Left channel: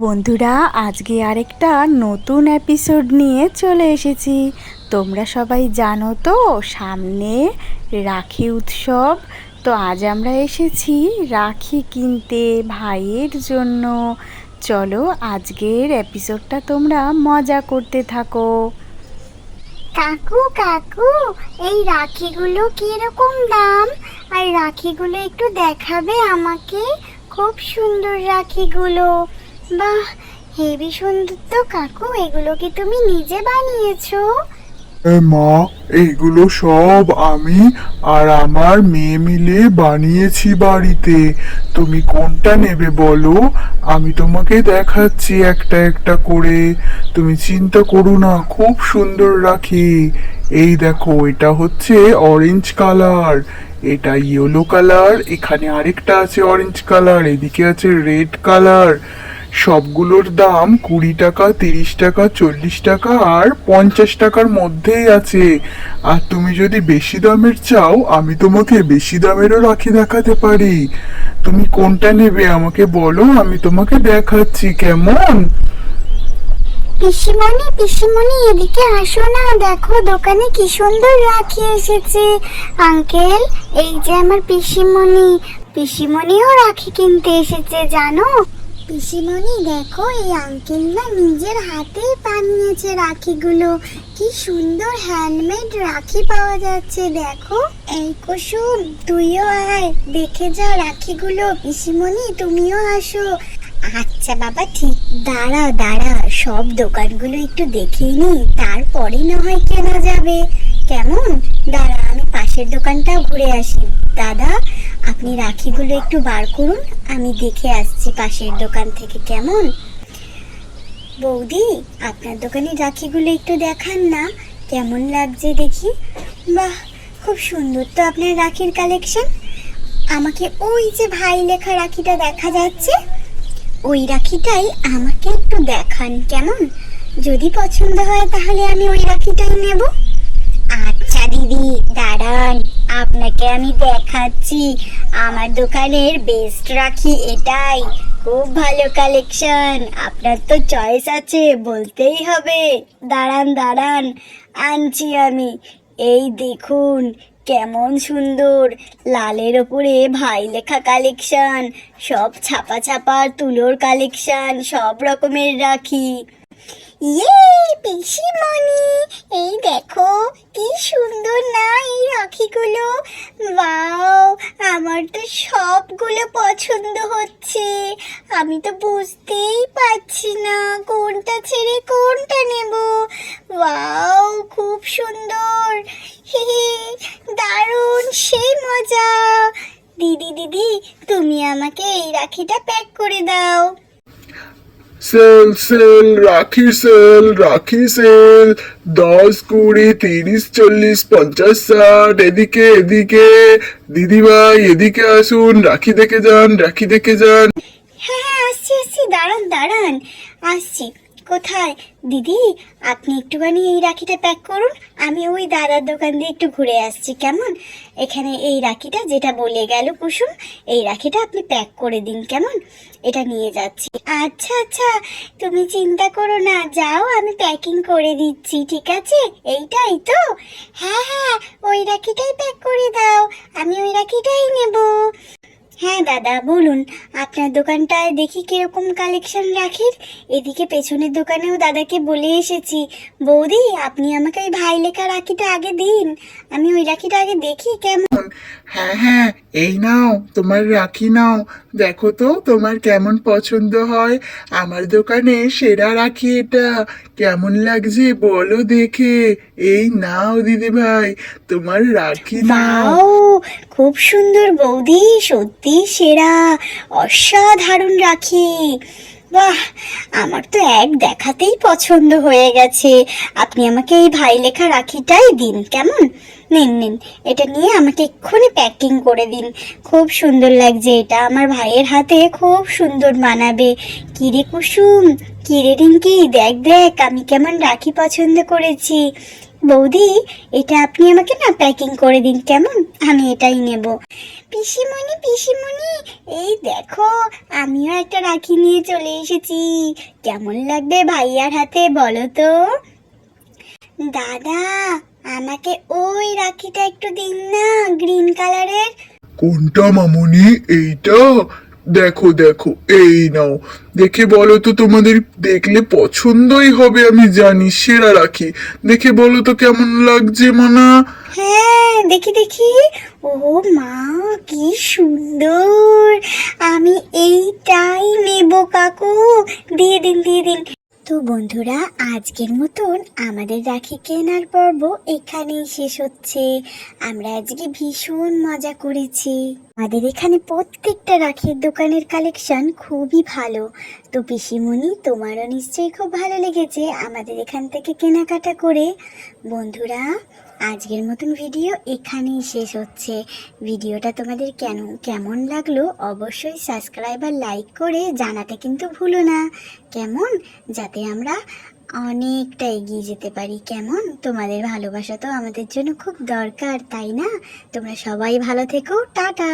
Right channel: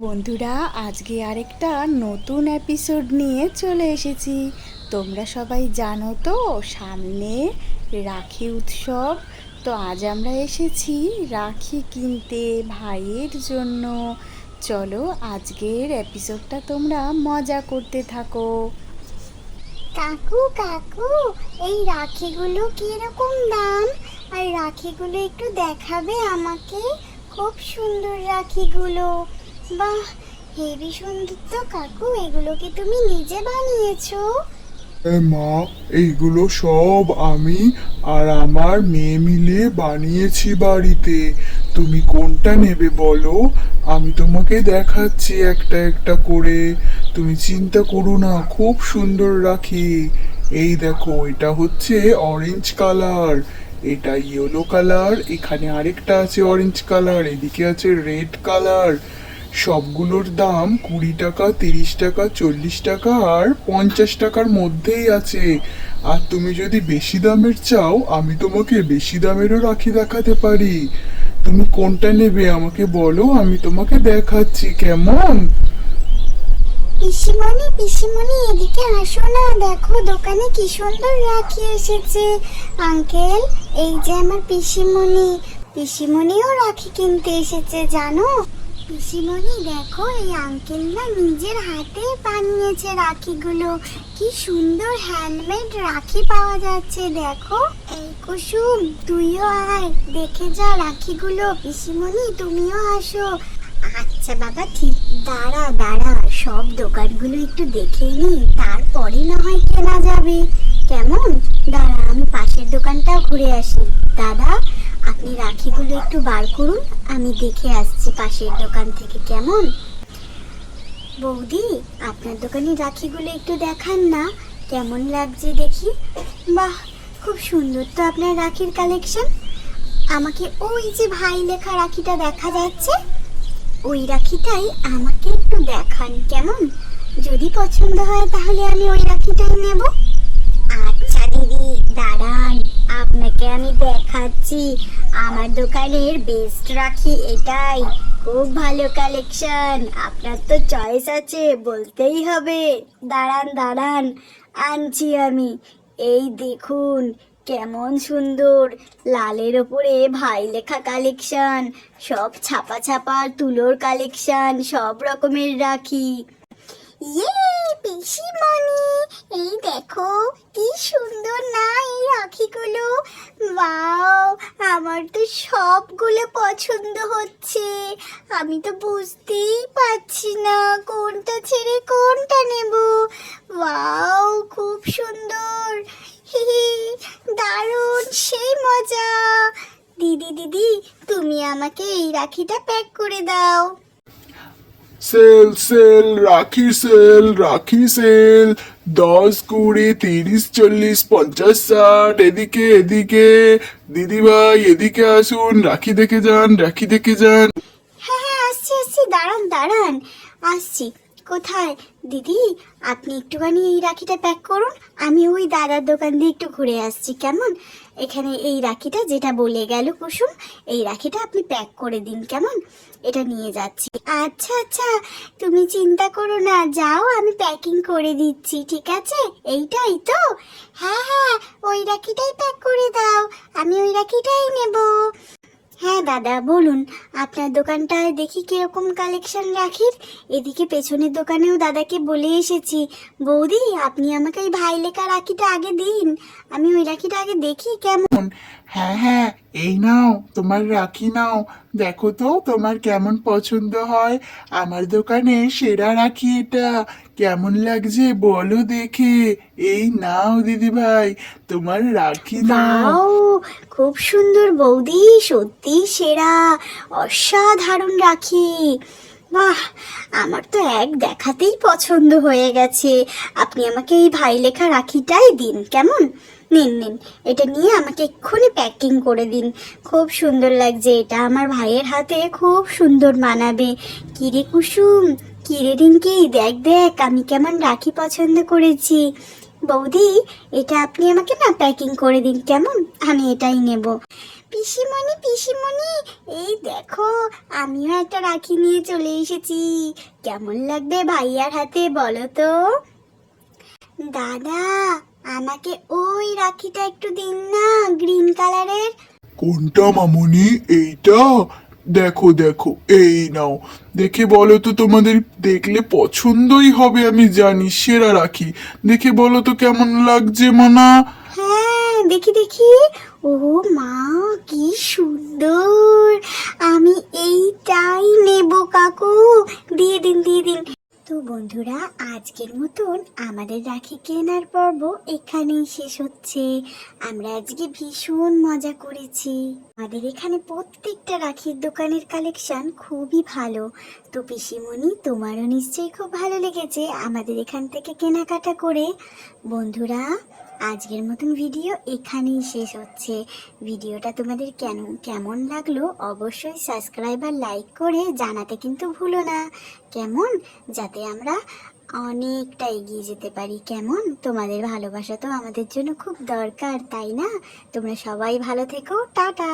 বন্ধুরা, আজকে আরেকটা নতুন এপিসোড নিয়ে চলে এসেছি। তোমরা সবাই জানো তো সামনে রাখি উৎসব। তো আজ আমরা এসেছি রাখি কিনতে ভাইয়ের জন্য। চলো আজকের এপিসোডটা তোমরা মজা করতে থাকো। কাকু কাকু, এই রাখিগুলো কিরকম দাম? আর রাখিগুলো একটু দেখাবে আমাকে? খুব সুন্দর রাখিগুলো। বাহ, হেবি সুন্দর তো কাকু। এগুলো কি তুমি নিজে বানিয়েছো? মা, এইগুলো সব আমি আর আমার মেয়ে মিলে বানিয়েছি বাড়িতে। তুমি কোনটা নেবে বলো, আমি তোমাকে দেখাচ্ছি একটা একটা করে। তুমি চিন্তা করো না, খুব সুন্দর রাখি। এই দেখো, এটা হচ্ছে অরেঞ্জ কালার, এটা ইয়েলো কালার, এখানে আরেকটা আছে অরেঞ্জ কালার, এদিকে আছে রেড কালার। সবগুলোর দাম 20 টাকা, 30 টাকা, 40 টাকা আর 50 টাকার মধ্যেই আছে। আর তুমি যদি বেশি দামের চাও, আমি তোমাকে বেশি দামেরও রাখি দেখাতে পারি। তুমি কোনটা নেবে আমাকে বলো, আমি তোমাকে দেখাচ্ছি। কেমন? পিসিমণি পিসিমণি, এদিকে আসো না, দেখো দোকানে কি সুন্দর রাখি এসেছে। আঙ্কেল, এই যে আমার পিসিমণি। পিসিমণিও রাখি কিনতে এসেছে জানো। পিসিমণি দেখো, এই আঙ্কেলরা নিজের হাতে বানিয়েছে রাখিগুলো। কি সুন্দর হ্যান্ডমেড রাখি পাওয়া যাচ্ছে দেখো। এই কুসুম, তুইও আয়, দেখে যা রাখিগুলো। পিসিমণি তুমিও আসো। আচ্ছা বাবা, ঠিক। দাঁড়া দাঁড়া, সব দোকানগুলো একটু দেখে নি, তারপরে না হয় কেনা যাবে। কেমন? দাঁড়া, আমি পাশের দোকানটাও ঘুরে আসি। দাদা, আপনি রাখিগুলো একটু বার করুন, আমি দেখে আসছি পাশের দোকান থেকে। কেমন? বৌদি, আপনার দোকানে রাখিগুলো একটু দেখান না, কেমন লাগছে দেখি। বাহ, খুব সুন্দর তো আপনার রাখির কালেকশন। আমাকে ওই যে ভাই লেখা রাখিটা দেখা যাচ্ছে, ওই রাখিটাই আমাকে একটু দেখান। কেমন? যদি পছন্দ হয় তাহলে আমি ওই রাখিটাই নেব। আচ্ছা দিদি, দাঁড়ান, আপনাকে আমি দেখাচ্ছি। আমার দোকানের বেস্ট রাখি এটাই। খুব ভালো কালেকশন। আপনার তো চয়েস আছে, বলতেই হবে। দাঁড়ান দাঁড়ান, আনছি আমি। এই দেখুন, কেমন সুন্দর লালের ওপরে ভাই লেখা কালেকশন। সব ছাপা ছাপা তুলোর কালেকশন, সব রকমের রাখি। ইয়ে পিসিমণি, এই দেখো কি সুন্দর না এই রাখিগুলো। ওয়াও, আমার তো সবগুলো পছন্দ হচ্ছে। আমি তো বুঝতেই পারছি না কোনটা ছেড়ে কোনটা নেব। ওয়াও, খুব সুন্দর। হে, দারুণ, সেই মজা। দিদি দিদি, তুমি আমাকে এই রাখিটা প্যাক করে দাও। সেল সেল, রাখি সেল, রাখি সেল। 10, 20, 30, 40, 50, 60। এদিকে এদিকে, দিদিভাই এদিকে আসুন, রাখি দেখে যান, রাখি দেখে যান। হ্যাঁ হ্যাঁ, আসছি আসছি, দাঁড়ান দাঁড়ান, আসছি। কোথায়? দিদি, আপনি একটুখানি এই রাখিটা প্যাক করুন, আমি ওই দাদার দোকান দিয়ে একটু ঘুরে আসছি। কেমন? এখানে এই রাখিটা যেটা বলে গেল কুসুম, এই রাখিটা আপনি প্যাক করে দিন। কেমন? এটা নিয়ে যাচ্ছি। আচ্ছা আচ্ছা, তুমি চিন্তা করো না, যাও, আমি প্যাকিং করে দিচ্ছি। ঠিক আছে, এইটাই তো? হ্যাঁ হ্যাঁ, ওই রাখিটাই প্যাক করে দাও, আমি ওই রাখিটাই নেব। হ্যাঁ দাদা, বলুন, আপনার দোকানটায় দেখি কিরকম কালেকশন রাখির। এদিকে পেছনের দোকানেও দাদাকে বলে এসেছি। বৌদি, আপনি আমাকে এই ভাই লেখা রাখিটা আগে দিন, আমি ওই রাখিটা আগে দেখি। কেমন? হ্যাঁ হ্যাঁ, এই নাও তোমার রাখি, নাও। দেখো তো তোমার কেমন পছন্দ হয়। আমার দোকানে সেরা রাখি এটা। কেমন লাগছে বলো দেখে। এই নাও দিদি ভাই, তোমার রাখি নাও। ওয়াও, খুব সুন্দর বৌদি, সত্যি সেরা, অসাধারণ রাখি। বাহ, আমার তো এক দেখাতেই পছন্দ হয়ে গেছে। আপনি আমাকে এই ভাই লেখা রাখিটাই দিন। কেমন? নিন নিন, এটা নিয়ে আমাকে এক্ষুনি প্যাকিং করে দিন। খুব সুন্দর লাগছে এটা, আমার ভাইয়ের হাতে খুব সুন্দর মানাবে। কিরে কুসুম, কিরে রিঙ্কি, দেখ দেখ আমি কেমন রাখি পছন্দ করেছি। বৌদি, এটা আপনি আমাকে না প্যাকিং করে দিন। কেমন? আমি এটাই নেব। পিসিমণি পিসিমণি, এই দেখো আমিও একটা রাখি নিয়ে চলে এসেছি। কেমন লাগবে ভাইয়ার হাতে বলো তো? দাদা, আমাকে ওই রাখিটা একটু দিন না, গ্রিন কালারের। কোনটা মামুনি? এইটা? দেখো দেখো, এই নাও, দেখে বলো তো, তোমাদের দেখলে পছন্দই হবে আমি জানি, সেরা রাখি। দেখে বলো তো কেমন লাগছে মানা। হ্যাঁ, দেখি দেখি। ও মা, কি সুন্দর! আমি এইটাই নেব কাকু, দিয়ে দিন দিয়ে দিন। তো বন্ধুরা, আজকের মতন আমাদের রাখি কেনার পর্ব এখানেই শেষ হচ্ছে। আমরা আজকে ভীষণ মজা করেছি। আমাদের এখানে প্রত্যেকটা রাখির দোকানের কালেকশন খুবই ভালো। তো পিসিমণি, তোমারও নিশ্চয়ই খুব ভালো লেগেছে আমাদের এখান থেকে কেনাকাটা করে। বন্ধুরা, আজকের মতন ভিডিও এখানেই শেষ হচ্ছে। ভিডিওটা তোমাদের কেমন লাগলো অবশ্যই সাবস্ক্রাইব আর লাইক করে জানাতে কিন্তু ভুলো না, কেমন? যাতে আমরা অনেকটা এগিয়ে যেতে পারি। কেমন? তোমাদের ভালোবাসা তো আমাদের জন্য খুব দরকার, তাই না? তোমরা সবাই ভালো থেকো, টাটা।